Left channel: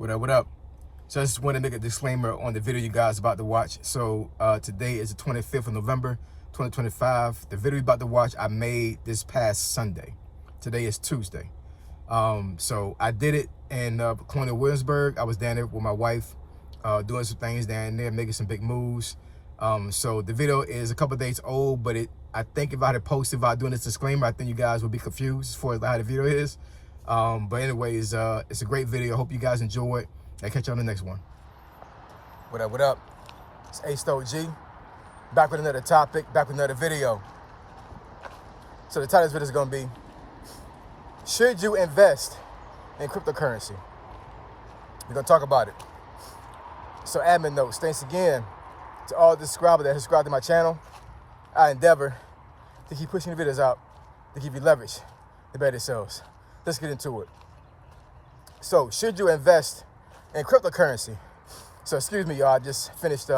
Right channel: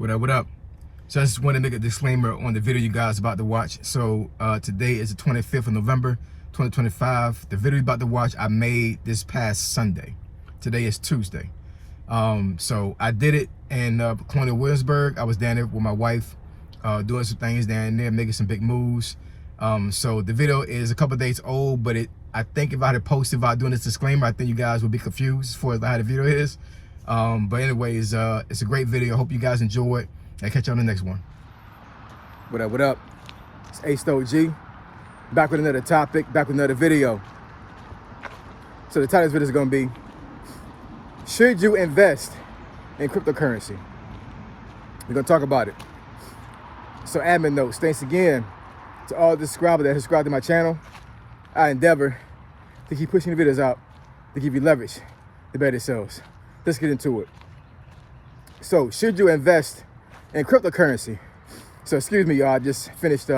What up? So I just want to make a disclaimer on the video you guys about to watch. So today is the 25th of November, 2025. The video you're about to watch, I made this past Sunday. Today is Tuesday. So I did it in Colonial Williamsburg. I was down there with my wife, doing some things down there, making some big moves. So the video is a couple days old, but I think if I had posted without doing this disclaimer, I think you guys would be confused as far as how the video is. But anyways, it's a great video. I hope you guys enjoy it. I'll catch you on the next one. What up? It's A-Stoic-G. Back with another topic, back with another video. So the title of this video is going to be, should you invest in cryptocurrency? We're going to talk about it. So admin notes, thanks again to all the subscribers that subscribe to my channel. I endeavor to keep pushing the videos out to give you leverage to better it sells. Let's get into it. So, should you invest in cryptocurrency? So, excuse me, y'all. I just finished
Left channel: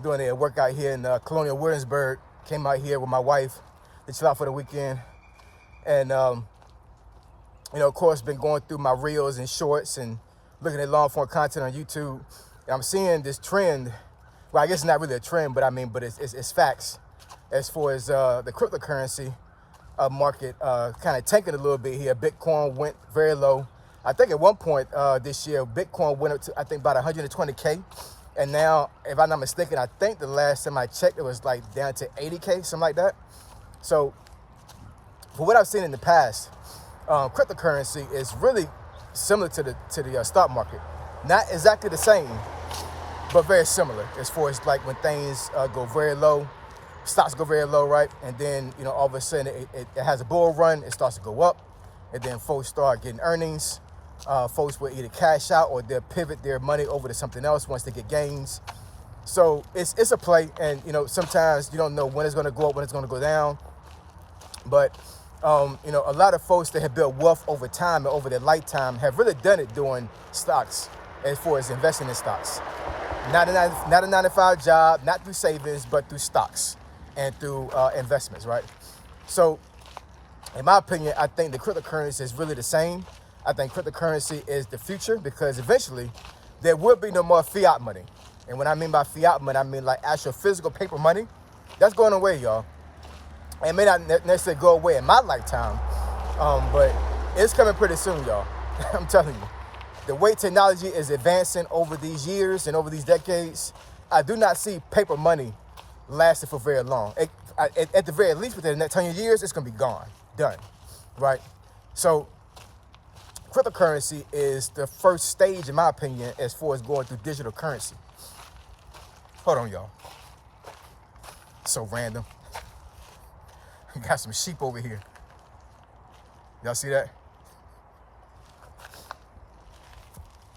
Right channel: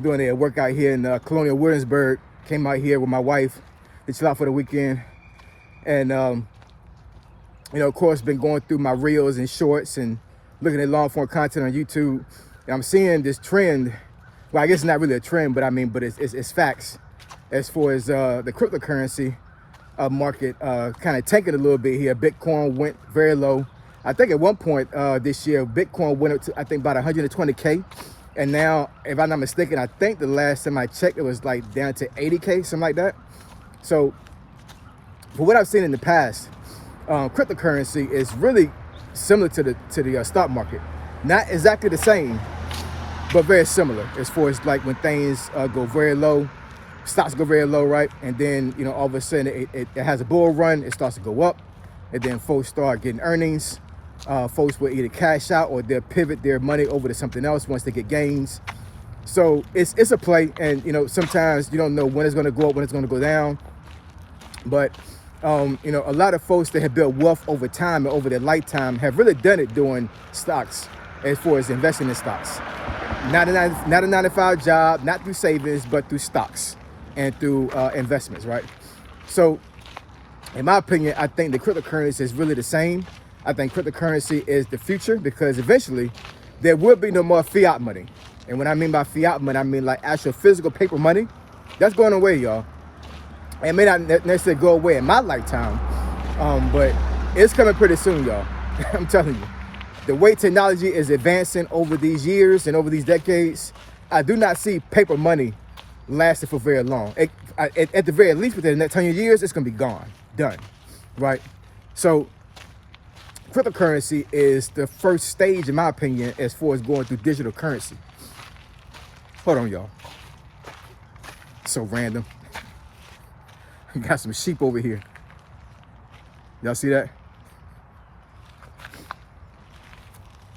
doing a workout here in Colonial Williamsburg. Came out here with my wife to chill out for the weekend. And, you know, of course, been going through my reels and shorts and looking at long-form content on YouTube. And I'm seeing this trend. Well, I guess it's not really a trend, but it's facts as far as the cryptocurrency market kind of tanking a little bit here. Bitcoin went very low. I think at one point this year, Bitcoin went up to, I think, about 120K. And now, if I'm not mistaken, I think the last time I checked, it was like down to 80K, something like that. So for what I've seen in the past, cryptocurrency is really similar to the stock market. Not exactly the same, but very similar as far as like when things go very low. Stocks go very low, right? And then, you know, all of a sudden it has a bull run, it starts to go up, and then folks start getting earnings. Folks will either cash out or they'll pivot their money over to something else once they get gains. So it's a play, and you know, sometimes you don't know when it's going to go up, when it's going to go down. But you know, a lot of folks that have built wealth over time and over their lifetime have really done it doing stocks, as far as investing in stocks. Not a 9-to-5 job, not through savings, but through stocks and through investments, right? So in my opinion, I think the cryptocurrency is really the same. I think cryptocurrency is the future, because eventually there will be no more fiat money. And when I mean by fiat money, I mean like actual physical paper money. That's going away, y'all. It may not necessarily go away in my lifetime, but it's coming pretty soon, y'all. I'm telling you. The way technology is advancing over these years and over these decades, I do not see paper money lasting for very long. At the very least, within the next 10 years, it's going to be gone, done, right? So cryptocurrency is the first stage, in my opinion, as far as going through digital currency. Hold on, y'all. So random. Got some sheep over here. Y'all see that?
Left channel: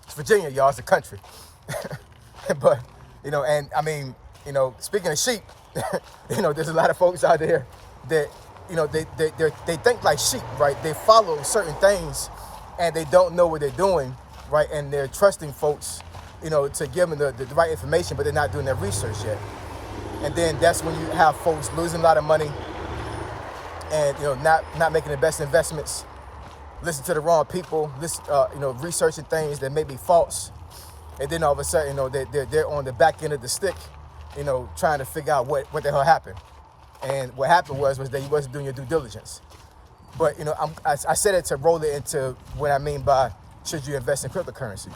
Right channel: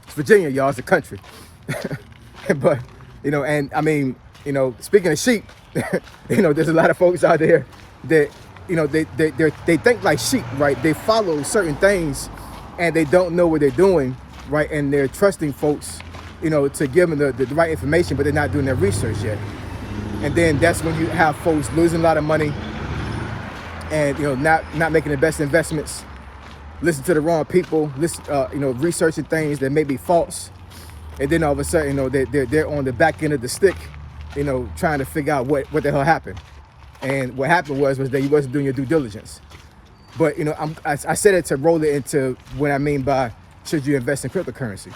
It's Virginia, y'all. It's a country. But, you know, and I mean, you know, speaking of sheep, you know, there's a lot of folks out there that, you know, they think like sheep, right? They follow certain things and they don't know what they're doing, right? And they're trusting folks, you know, to give them the right information, but they're not doing their research yet. And then that's when you have folks losing a lot of money and, you know, not making the best investments, listen to the wrong people, you know, researching things that may be false. And then all of a sudden, you know, they're on the back end of the stick, you know, trying to figure out what the hell happened. And what happened was that you wasn't doing your due diligence. But, you know, I said it to roll it into what I mean by should you invest in cryptocurrency.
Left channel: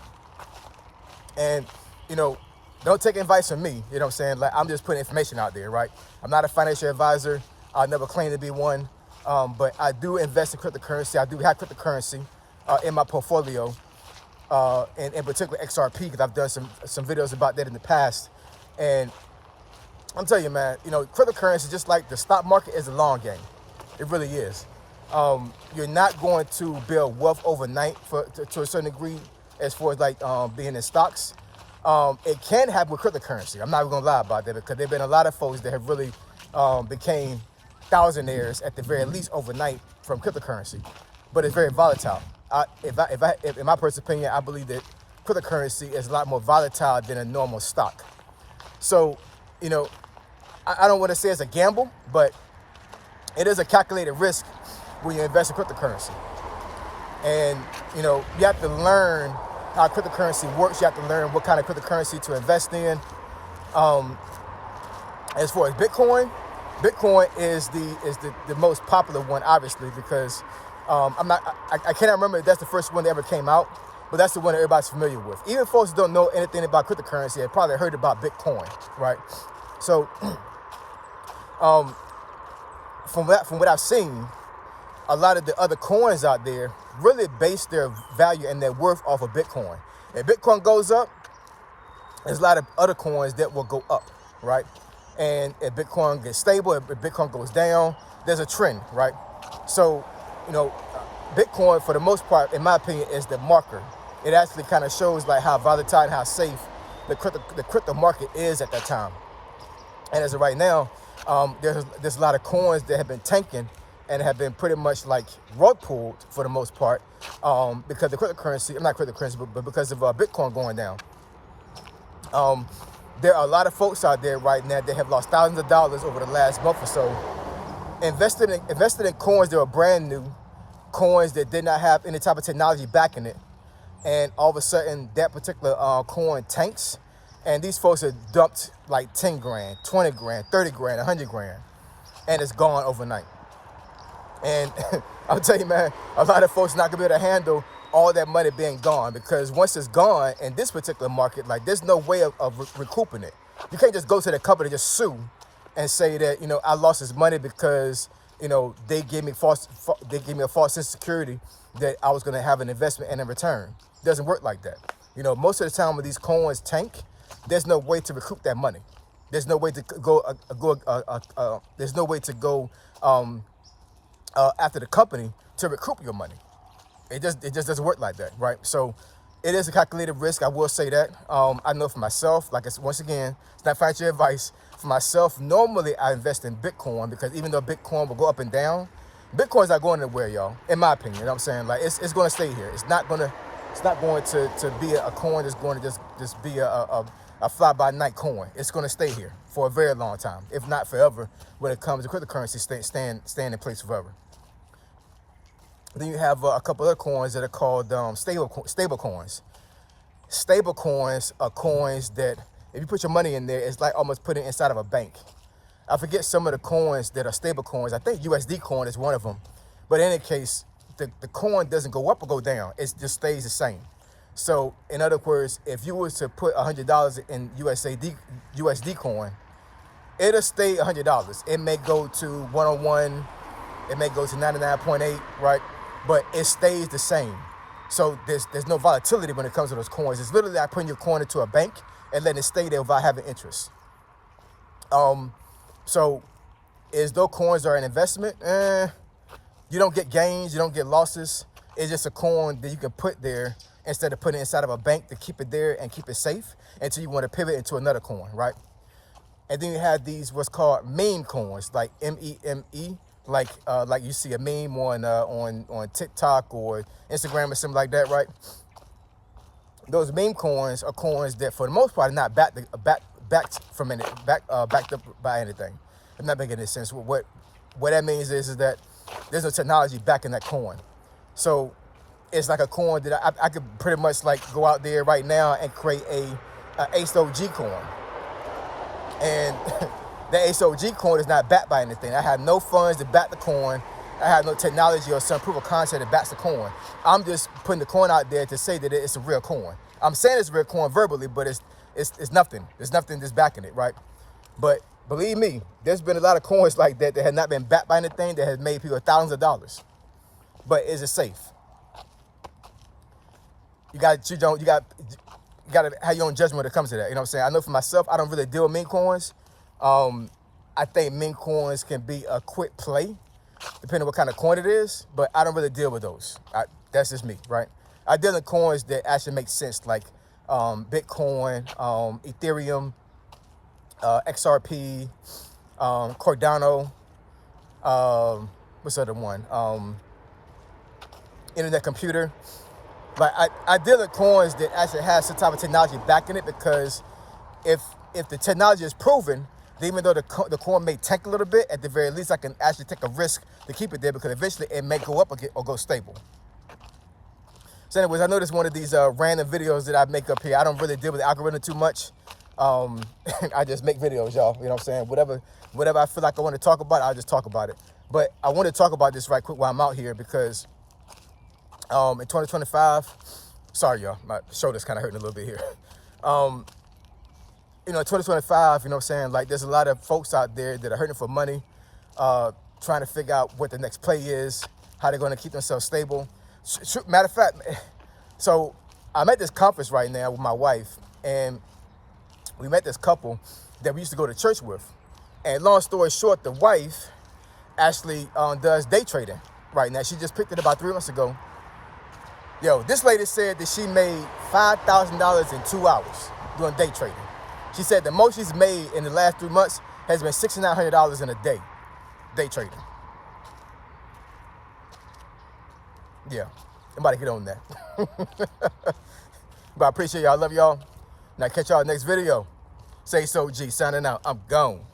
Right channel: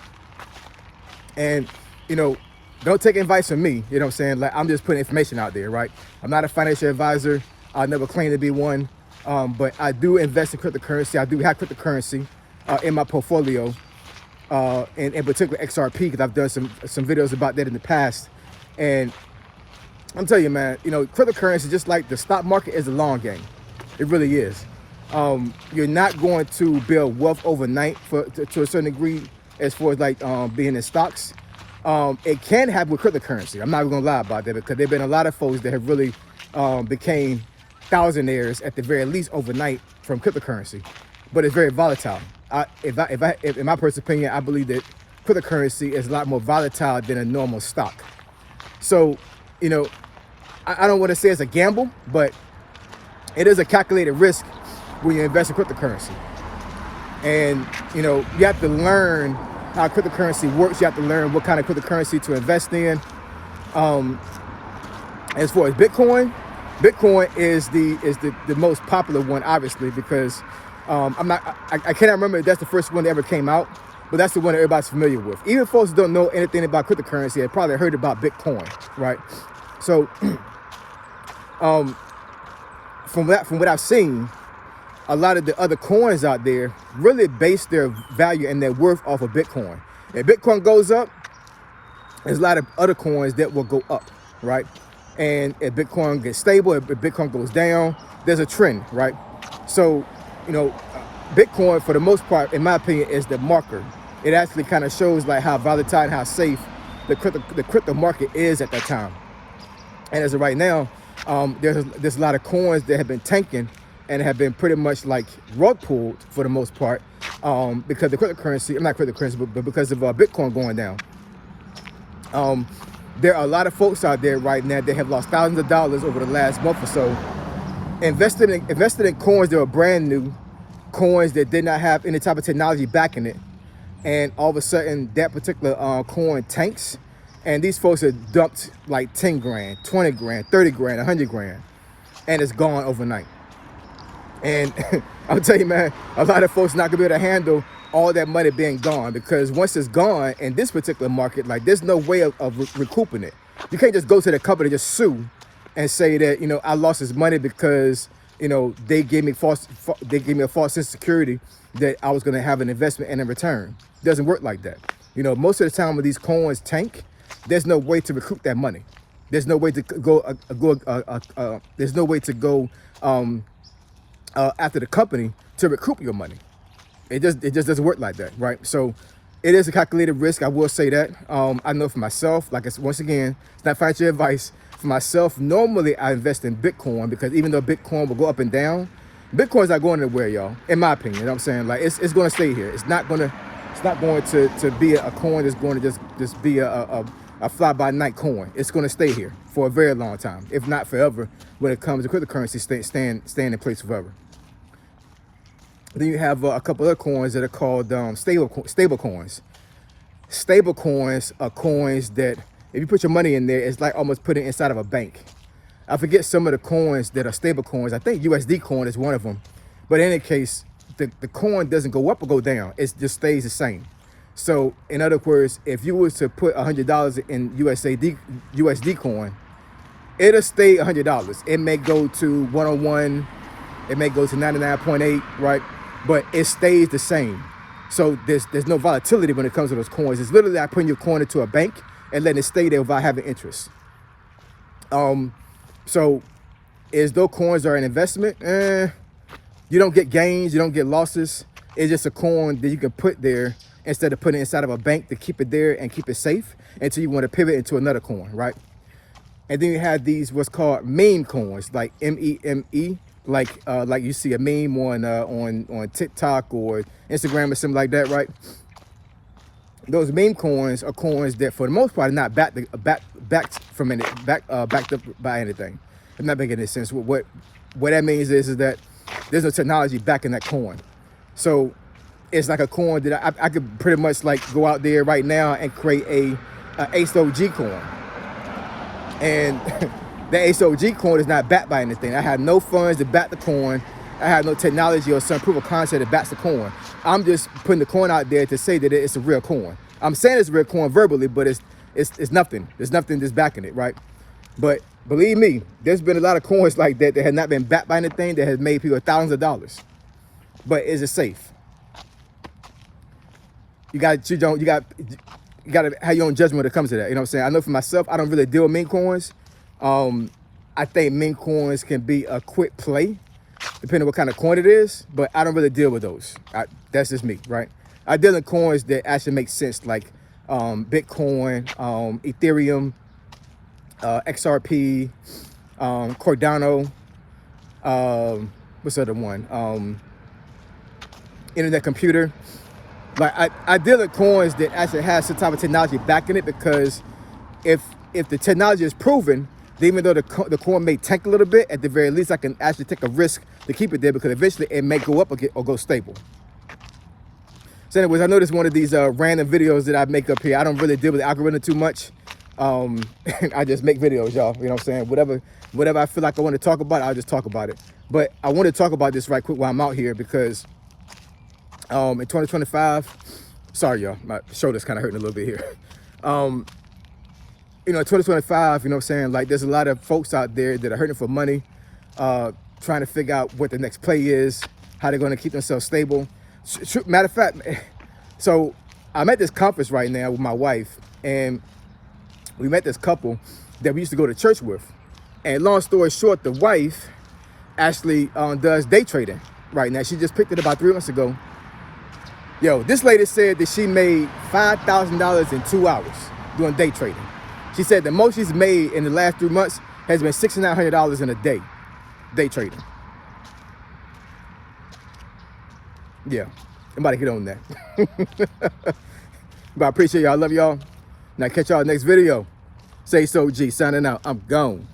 And, you know, don't take advice from me, you know what I'm saying? Like, I'm just putting information out there, right? I'm not a financial advisor. I never claim to be one. But I do invest in cryptocurrency. I do have cryptocurrency in my portfolio, and in particular XRP, because I've done some videos about that in the past. And I'm telling you, man, you know, cryptocurrency, just like the stock market, is a long game. It really is. You're not going to build wealth overnight to a certain degree as far as like being in stocks. It can happen with cryptocurrency. I'm not even gonna lie about that, because there've been a lot of folks that have really became thousandaires at the very least overnight from cryptocurrency, but it's very volatile. In my personal opinion, I believe that cryptocurrency is a lot more volatile than a normal stock. So, you know, I don't want to say it's a gamble, but it is a calculated risk when you invest in cryptocurrency. And, you know, you have to learn how cryptocurrency works. You have to learn what kind of cryptocurrency to invest in. As far as Bitcoin is the most popular one, obviously, because I cannot remember if that's the first one that ever came out, but that's the one that everybody's familiar with. Even folks who don't know anything about cryptocurrency, they probably heard about Bitcoin, right? So from what I've seen, a lot of the other coins out there really base their value and their worth off of Bitcoin. If Bitcoin goes up, there's a lot of other coins that will go up, right? And if Bitcoin gets stable, if Bitcoin goes down, there's a trend, right? So, Bitcoin, for the most part, in my opinion, is the marker. It actually kind of shows like how volatile and how safe the crypto market is at that time. And as of right now, there's a lot of coins that have been tanking and have been pretty much like rug pulled for the most part, because the cryptocurrency, not cryptocurrency, but because of Bitcoin going down. There are a lot of folks out there right now that have lost thousands of dollars over the last month or so, invested in coins that were brand new, coins that did not have any type of technology backing it, and all of a sudden that particular coin tanks, and these folks have dumped like 10 grand, 20 grand, 30 grand, 100 grand, and it's gone overnight. And I'll tell you, man, a lot of folks not gonna be able to handle all that money being gone, because once it's gone in this particular market, like there's no way of recouping it. You can't just go to the company and just sue and say that, I lost this money because, they gave me a false sense of security that I was going to have an investment and in return. It doesn't work like that. Most of the time when these coins tank, there's no way to recoup that money. There's no way to go after the company to recoup your money. It just doesn't work like that, right? So it is a calculated risk. I will say that. I know for myself, once again, it's not financial advice. For myself, normally I invest in Bitcoin, because even though Bitcoin will go up and down, Bitcoin's not going anywhere, y'all. In my opinion, you know what I'm saying? Like it's going to stay here. It's not going to be a coin that's going to just be a fly-by-night coin. It's going to stay here for a very long time, if not forever. When it comes to cryptocurrency, staying in place forever. Then you have a couple other coins that are called stable coins. Stable coins are coins that, if you put your money in there, it's like almost putting it inside of a bank. I forget some of the coins that are stable coins. I think USD coin is one of them. But in any case, the coin doesn't go up or go down. It just stays the same. So in other words, if you was to put $100 in USD coin, it'll stay $100. It may go to 101. It may go to 99.8, right? But it stays the same. So there's no volatility when it comes to those coins. It's literally like putting your coin into a bank and letting it stay there without having interest. So as though coins are an investment, you don't get gains, you don't get losses. It's just a coin that you can put there instead of putting it inside of a bank to keep it there and keep it safe until you want to pivot into another coin, right? And then you have these what's called meme coins, like MEME, like you see a meme on TikTok or Instagram or something like that, right? Those meme coins are coins that, for the most part, are not backed up by anything. I'm not making any sense. What that means is that there's no technology backing that coin. So it's like a coin that I could pretty much like go out there right now and create a ACE-OG coin. And the ACE-OG coin is not backed by anything. I have no funds to back the coin. I have no technology or some proof of concept that backs the coin. I'm just putting the coin out there to say that it's a real coin. I'm saying it's a real coin verbally, but it's nothing. There's nothing that's backing it, right? But believe me, there's been a lot of coins like that have not been backed by anything that has made people thousands of dollars. But is it safe? You got to have your own judgment when it comes to that. You know what I'm saying? I know for myself, I don't really deal with meme coins. I think meme coins can be a quick play, depending on what kind of coin it is, but I don't really deal with those. That's just me, right? I deal in coins that actually make sense, like Bitcoin, Ethereum, XRP, Cardano, what's the other one? Internet computer. Like I deal in coins that actually has some type of technology backing it, because if the technology is proven, then even though the coin may tank a little bit, at the very least I can actually take a risk to keep it there, because eventually it may go up or go stable. So anyways, I noticed one of these random videos that I make up here. I don't really deal with the algorithm too much. I just make videos, y'all. You know what I'm saying? Whatever I feel like I want to talk about, I'll just talk about it. But I want to talk about this right quick while I'm out here because in 2025, sorry, y'all, my shoulder's kind of hurting a little bit here. You know, 2025, you know what I'm saying? Like, there's a lot of folks out there that are hurting for money, trying to figure out what the next play is, how they're going to keep themselves stable. Matter of fact, so I'm at this conference right now with my wife, and we met this couple that we used to go to church with. And long story short, the wife actually does day trading right now. She just picked it about 3 months ago. Yo, this lady said that she made $5,000 in 2 hours doing day trading. She said the most she's made in the last 3 months has been $6,900 in a day trading. Yeah, I'm about to get on that. But I appreciate y'all. I love y'all. Now catch y'all next video. Say so, G. Signing out. I'm gone.